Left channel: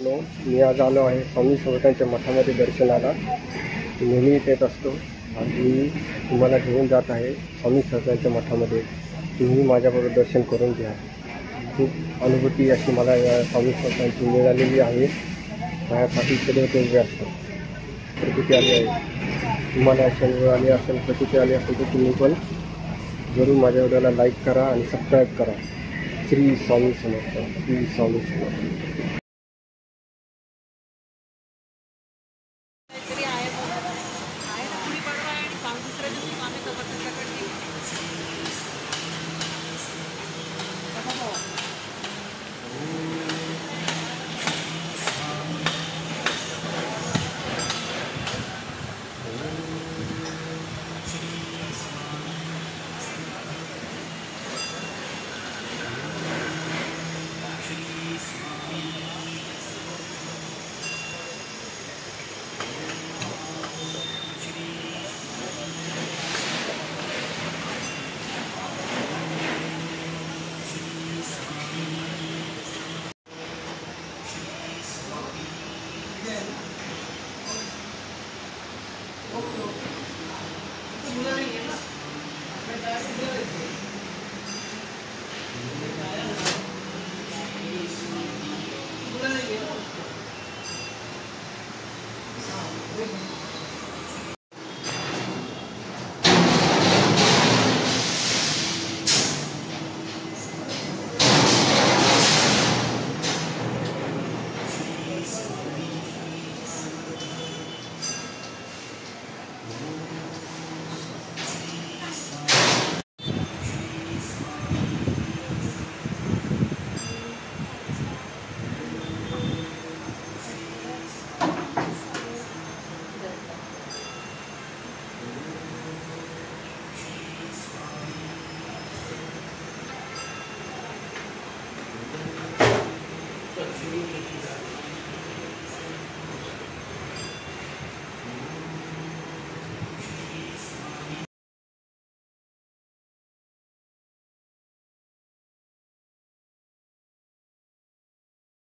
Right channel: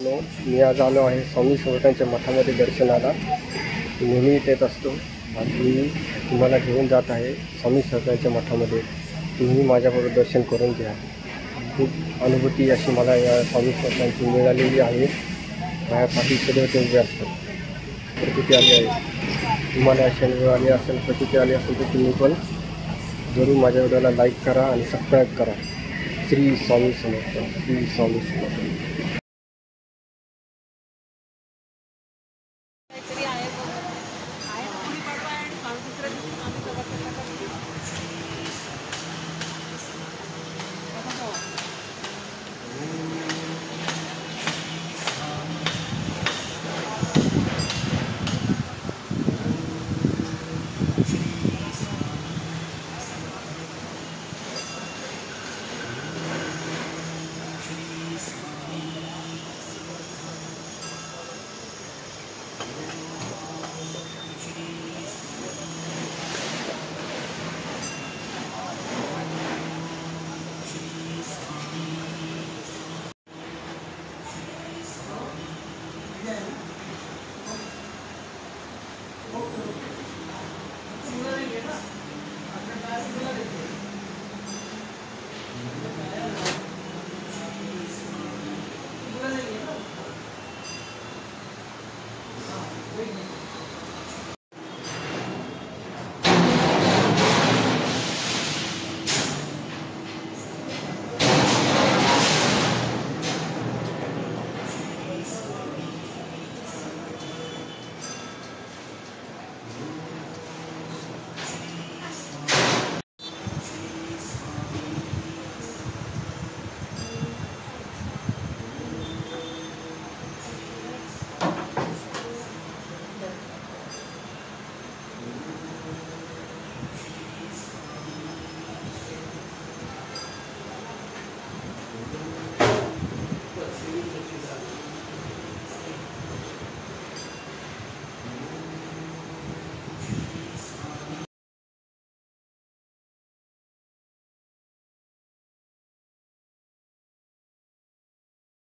मी आज आलो आहे स्वामी समर्थांच्या मठामध्ये दर्शनाला. नेहमी येत असतो. आज मी तुम्हाला घेऊन जात आहे स्वामी समर्थांच्या मठामध्ये. तुम्ही माझ्याबरोबर दर्शन करून घ्या. खूप अनुभूती अशी मला या स्वामी समर्थांची मिळालेली आहे. माझ्या पाठी सदैव ते उभे असतात. प्रचिती आली आहे. तुम्हाला अशी वेळ आली असेल, प्रचिती आली असेल तर तुम्ही पण जरूर माझ्या व्हिडिओला लाईक करा आणि सबस्क्राईब करा. श्री स्वामी समर्थ, श्री स्वामी समर्थ.